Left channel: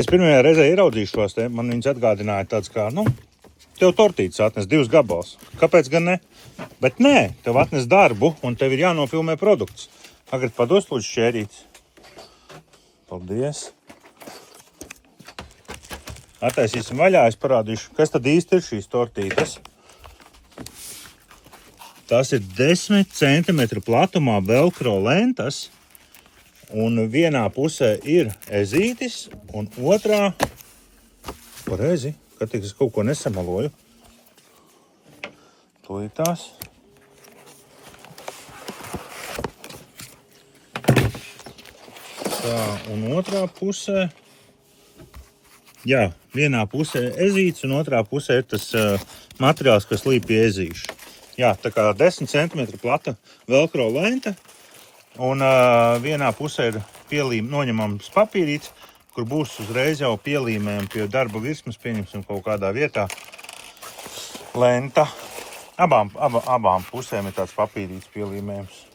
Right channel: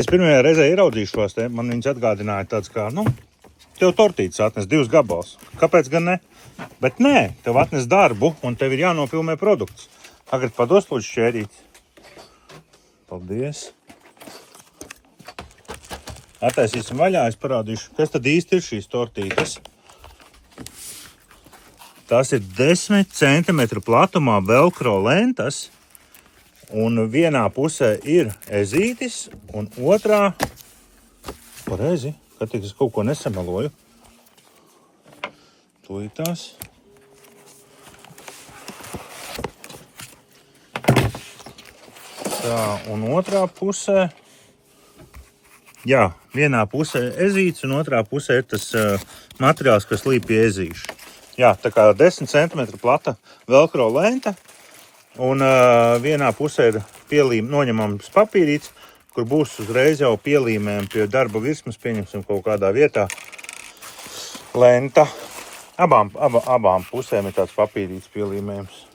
Es pirmajā reizē ieraudzīju šos te, man viņas atgādināja tāds kā, tev tortītes atnes 2 gabals. Kāpēc gan ne? Bet nē, tev atnes darbu un tev ir jānofilmē produkts. Tagad pados lūdzu šķērītes. Paldies. Attaisīsim vaļā, es parādīšu, kas tad īsti ir šīs tortītes. Tas ir 10 cm platumā velcro lentas. Un vienā pusē ir ezītis, un otrā, pareizi, kad es kaut ko nesamaloju, tūlītās. Tā, un otrā pusē, jā, vienā pusē ezītis, un otrā pusē ir tas materiāls, kas līp pie ezīšu. Jā, tā kā 10 cm plata velcro lenta. Un vienā pusē ir noņemams papīrīts, kur būs uzreiz jau pielīmēm pie darba virsmas, pieņemsim kaut kādā vietā lenta. Abām pusēm ir tāds papīrīts pielīmējums.